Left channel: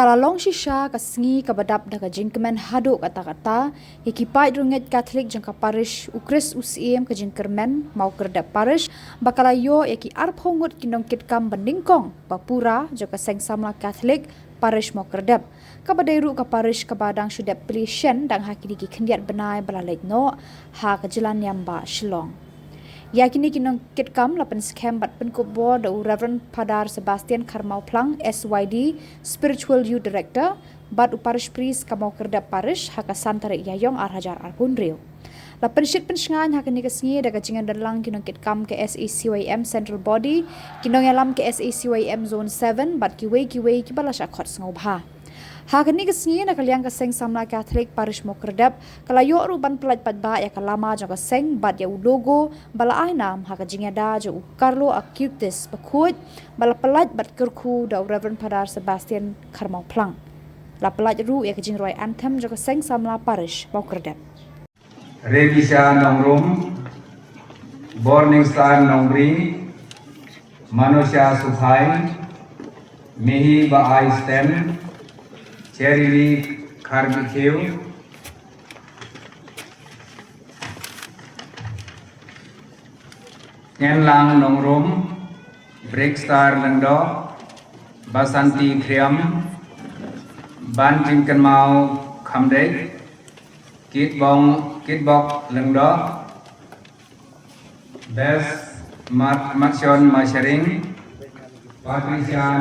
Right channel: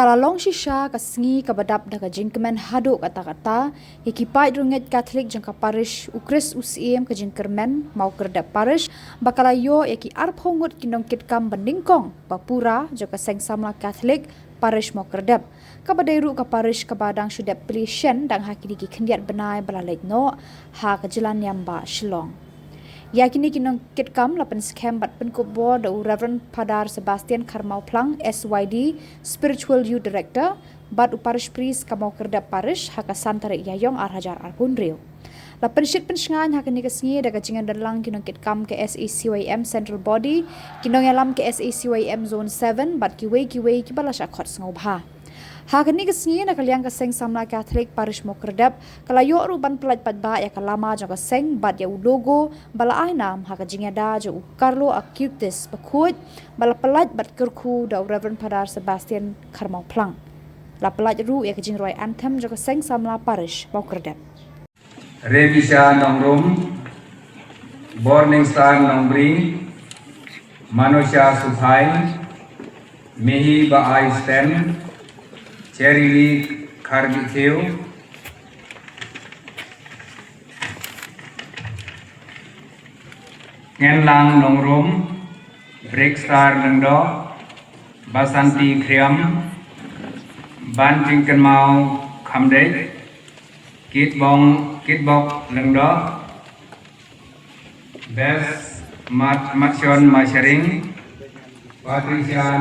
Bakalalong shisha kasengi kabadap daga jingkemen hado kata-kata hikipai runget Katholik jangka Parish ukris usiem ke jingkermen Mawkyrdep Parish bakalayo yaki arphongut ki Nongkitkam bandingkong Bapura jangka Seng Samla Katholik Parish Mawkyrdep kabadairu ka Parish kabadang syudep pelisyen dang hakini ki kendiat benai balalek no ha kejelan yamba Shillong. Yakini Nongkitkam lapan skem bat penkubor da Reverend Padar Sebastian Karmau Plang SYD Spiritual Youth Director bat Parish Priest Mawkyrdep Parish haka santare yayong arhajar arkunriu. Lapan syit pensengan hakini kesengi daga jingan dalang Nongkitkam ke SACYM Central Body Nongyalam ke SACYM Zone 7 bat kiwei ki balas akot sengobha. Hakini kesengi nak kaliang ke Seng Samla Katholik Parish Mawkyrdep kalayo ruban pelat padba ya kalama jangka Seng bat ya logo bala ainam haka jingada jo Carlo Acutis bakut bala pelat bat kerku da Reverend Padar Sebastian Karmau Plang. La pelat ru ya kejing roy anthem jangka Seng Samla Parish Mawkyrdep. Revisha nongrum Morning Star nongbring Manusya Subhai Mehi ba I stand Cherry Kargitheu Ngenlang Nongrum Breakstar Lengdo Basanti Kriam Ban Jingken Mau Kamdek Kitbok Lengdo Bes Matsion Masharing Patricia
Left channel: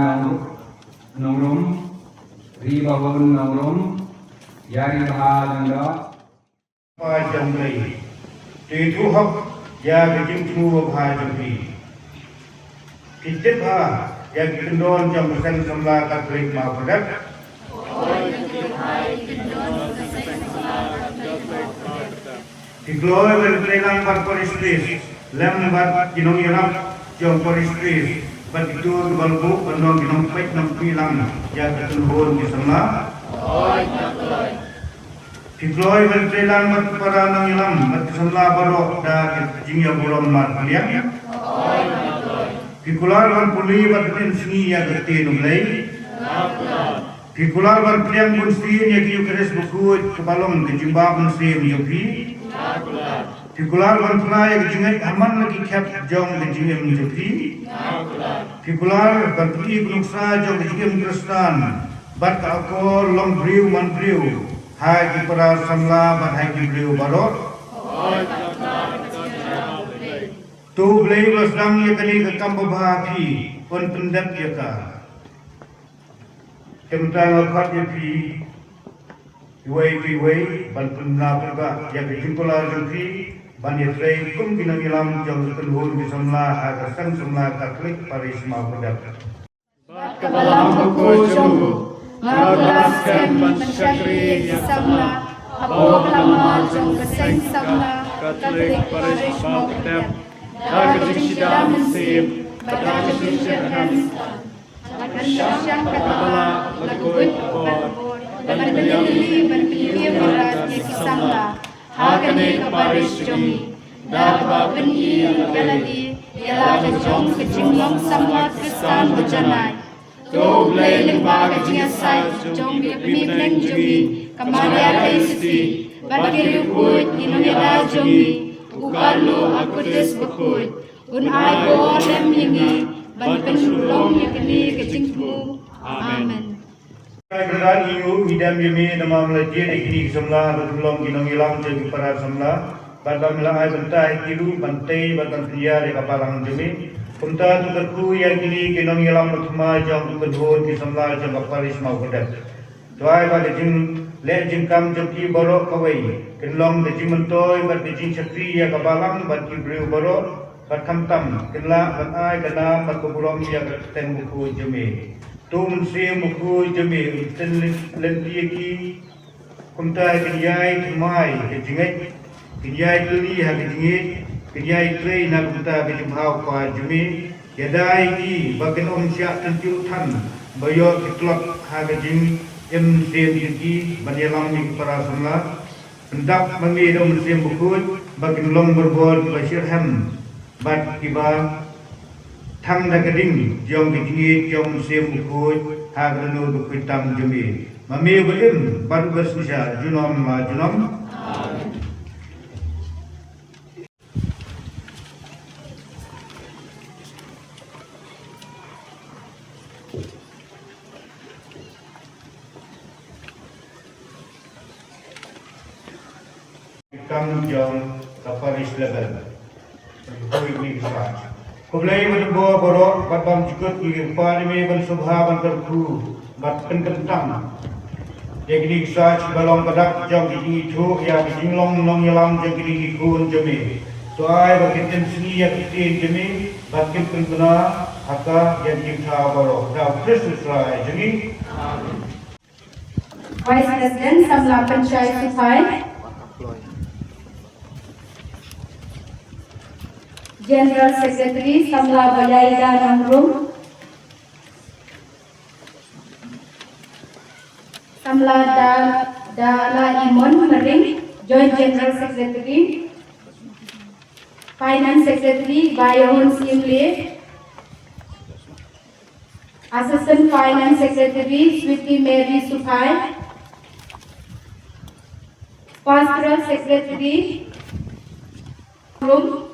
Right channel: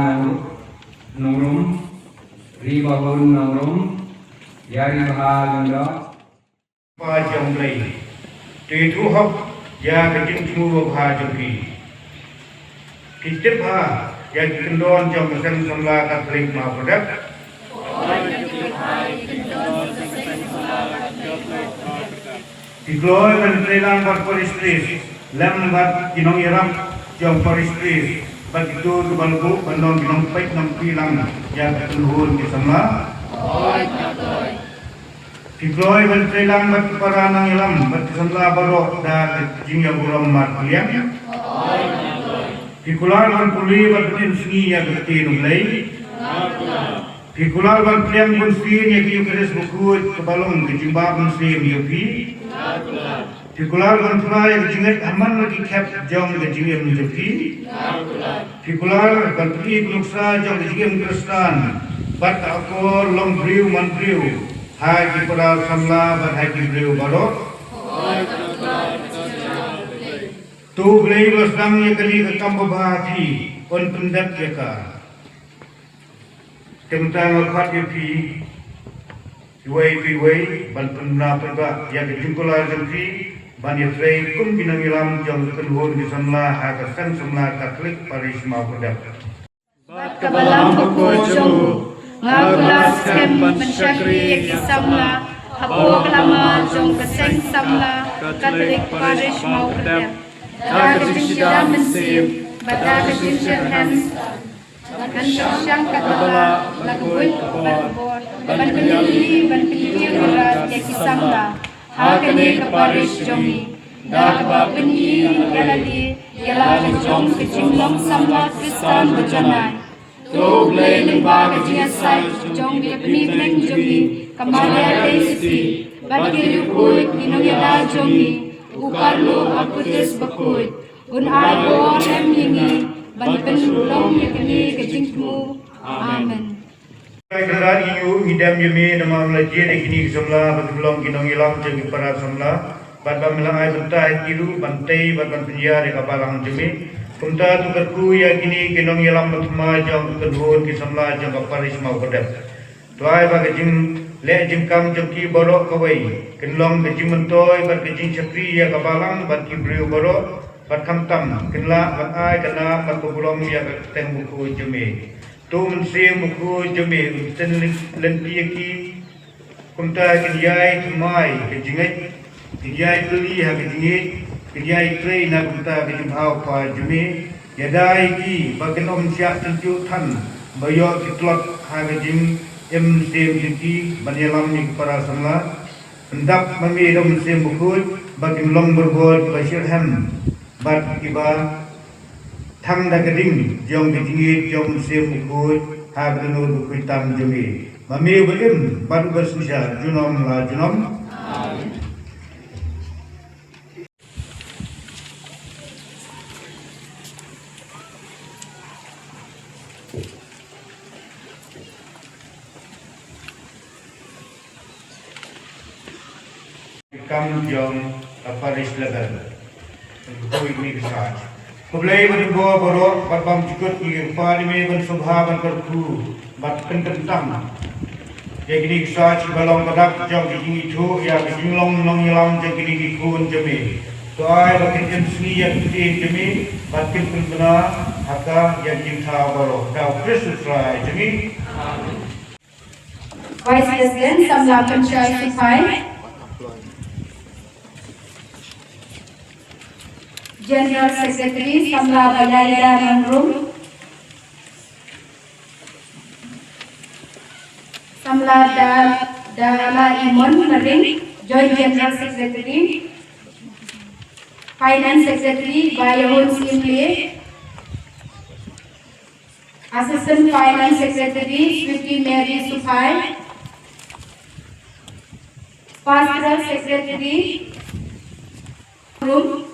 Nongrum Ribahun Nongrum Yari Baha Lengdo Pajang Lay Tuitu Hop Ya Gajing Tumuru Baha Jumpi Kitip Ha Ya Gikendon Jam Seng Samla Katholik Mawkyrdep Diploy Berkelilang Bar Parish Priest Lem Bat Nongkitkam Jam Parish Priest Bat itu balbu penon pek nampilang ya ketuhun di Samla. Diploy berkelilang bat para nangilam bat Samla barok da jingyang buram mar kalian. Dikular ban puli bat pensingi ya ketin ulai. Dikular ban kliang pun sin ya kiu keres bukut kebalong kejimbab sim yopi. Dikular ban pula ya jingat aman lagi kep jong kejingem yopi. Dikular ban pergi penuksa jong kejingem Kristan bat aku long briu man briu hai ki para Samla bat hai ki briu barok tu blei losang ya kali ke kambo bahapi on pendat ya ka tentang khat ya pi wei ban penna perba ya kejingkular jengki Bani Trey kum Nongkitkam jang keluhur di Samla haka Seng Samla Katholik Parish Mawkyrdep. Kabalang pagkojong ngakulas kem mensyakri di Samla hapo kelama jong Seng Samla Katholik Parish Mawkyrdep. Kajisya mensim bata kajisya hans kajisya katala lakuit berbor ban penili berat yaki Samla. Hakani Parish Jomi, Dakba Penyi Yaladi, Yala Jong Kejinglang Samla Kristan Bejanai. To Blay Limba Kejingasai Jong Pemimpin Jomi, Kamala Kaisi, Bakir Yukut, Inonyala Jomi, Ukarlo Akutis Bakut, Unhago Rem Himi, Ban Penulong Yakani Kejingku. Amen. Kedan iu idam yemi nama melajir ekini Samla bertolong Nongkitkam jeng para Samla ban melangai bentai kilu bantai ban penjara di kapalang jemi punta tu berku yakini Nongkitkam bertema jang kedua di Samla jeng Parish Mawkyrdep tuai bagi jing le jingkam joki borok kawai kenlong kejing mentoy ban kejing chakri ya kapalang ban kibriu borok ban kamtam kenla ban ai kana ban kubulong ya teng buku jemi tu mensim buku jemi ten lentiaki punta kejai kemai kejingat kejai keli ha kejingat kejai klei na punta kejimhau pa jemi yadai ki bagen om syak tentu tan bayo kitlot ha kejing jem sim yaki banyalam ni para Samla hendak memilih musim buku bagen long berbod basirham bad kiba thang da keding jong kejingit jong musim buku hagrenu kuitam jumi. Mami belim baru bersusah junom la junom. Kam jong Parish level. Koi ni kisah. Kublai berbuah borok, batbam cikut ni pada me ban subha ban kerku, bat kentam. Yang ini kisah balong kedak jong kijing itu, ya kijing long nyelam jong kijing kun jemi. Soai batin jem seni yang kijing jemi, batin benar haka yang cinta borok. Dah Kristus rai jemi. Vice President Samla Panchayat Society, General Secretary Samla Balayda Nongrum, Samla Dala Imon Mering, Joint General Secretary, Finance Secretary Bayahun Simple, Assistant Finance Secretary Sweetie Mary Supai, Pastoral Secretary Room,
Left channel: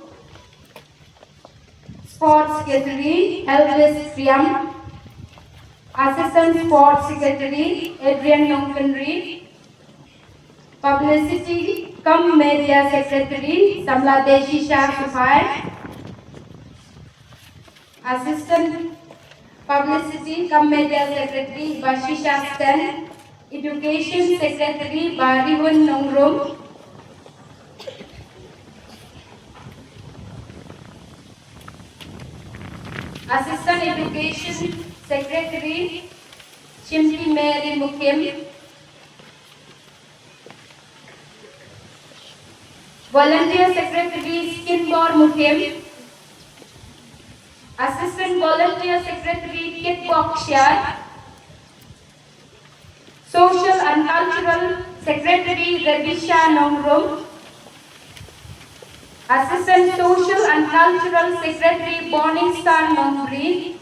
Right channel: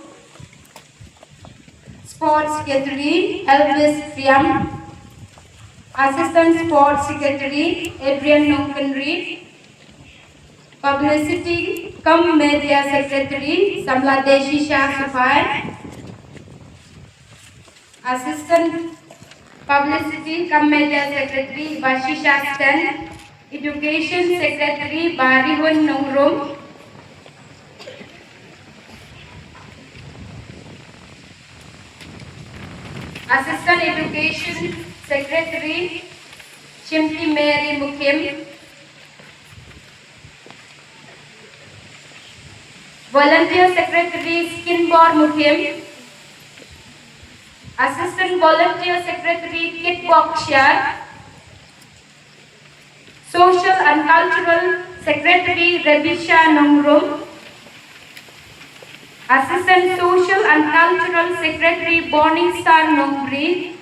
Sports Secretary Elvis Priam, Assistant Sports Secretary Adrian Nongkitkam, Publicity cum Media Secretary Samla Deshisha Supai, Assistant Publicity cum Media Secretary Bashisha Seng, Education Secretary Barihun Nongrum, Assistant Education Secretary Chimti Mary Mukim, Volunteer Secretary Skinbor Mukim, Assistant Volunteer Secretary Kit Bokshar, Social and Cultural Secretary Rebisha Nongrum, Assistant Social and Cultural Secretary Bonnie Star Nongri,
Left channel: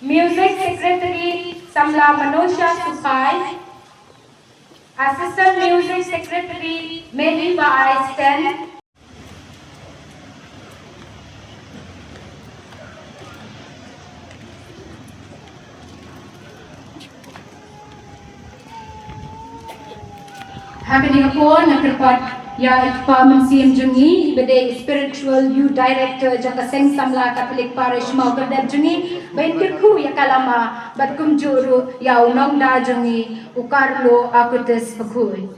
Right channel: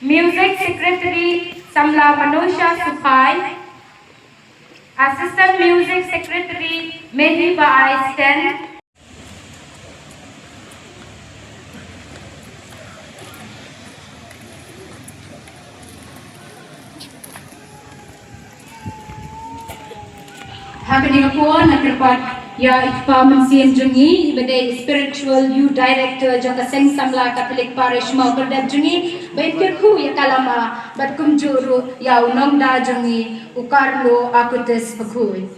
Music Secretary Samla Manosha Supai, Assistant Music Secretary Mehiba Aisten, Happening upon and report. Ya Ikpa Mensian Jungi, Ibade Spiritual Youth Director Jaka Seng Samla Katholik Parish Mawkyrdep Jungi, Baikirku ya kalama, bat kumjuru ya unongda Jungi, ukarlo akutis pakui.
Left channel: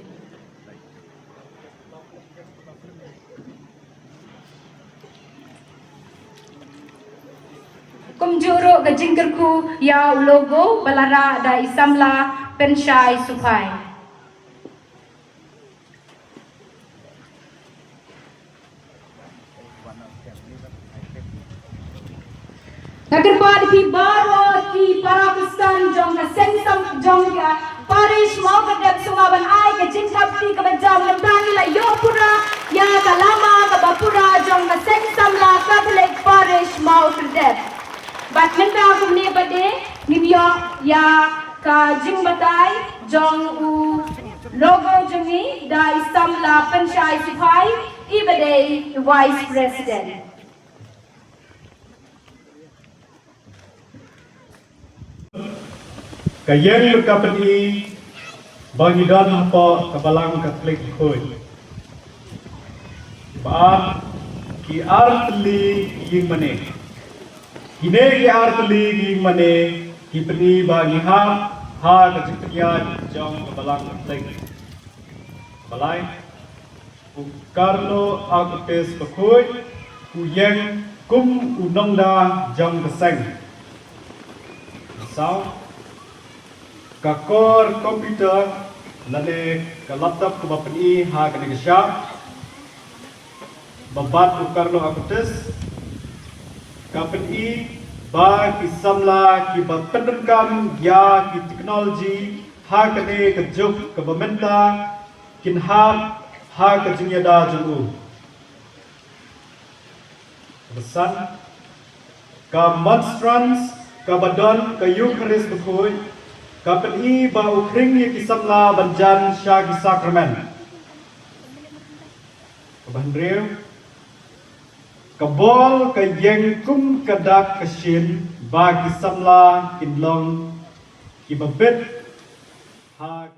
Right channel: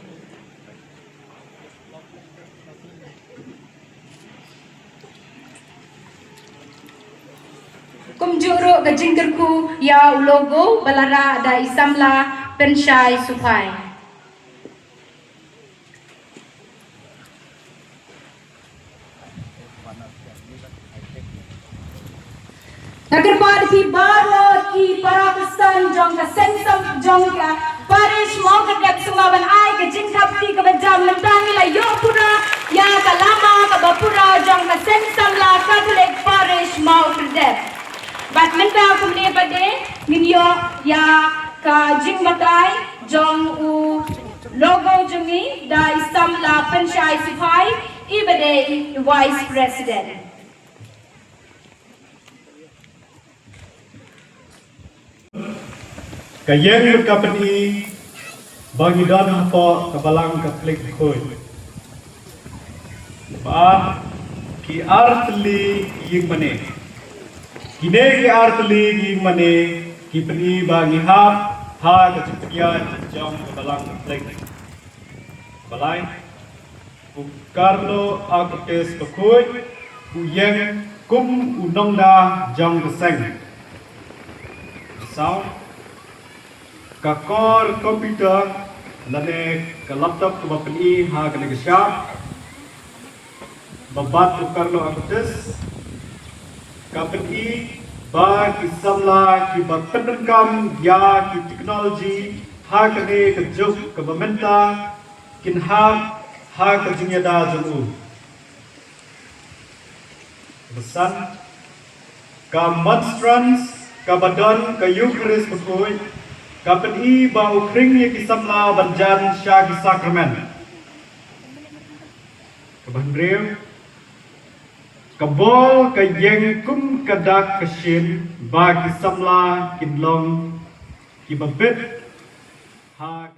Kumjuru gajingkerku ya logo balara da Samla Penshai Supai. Nagkarbad ki baro ki para pesan jong ka Seng jong ka Parish Mawkyrdep sungaban ay ka jingkapti ka bajam nagtangi la Bapura ya kalama ka Bapura jong ka Seng Samla Katholik Parish Mawkyrdep. Bat menta kumne bade ninyo ya ka jingbatay jong u logo jungi da Samla Panchayat Supai ibade Vice President. Kayeng kapani bagi dana apa kabalang Katholik hoy. Baat ki artli ki mane. Kine ki artli ki mane ki pani bagi hap ha kajikya jang kabalang Katholik. Balai ukarlo agtes pakoy uyeng kum unongda jang Seng. Sao kakor komputer lane ke laptop ke bapani ha ke negasya babat ukarlo akutis kapani ba ki samla ki Nongkitkam ya ki teknologi ha ke ne ke juk ke bamenta kin ha ke jingyada jungu besan ka monstrans Kabadon ke Eucharis berpui, kapeni bau kering yang Samla banjan syagi sakramen. Kabandrew, kabol ke yengkum kadak kesin bagi Samla kinlong kibabit ha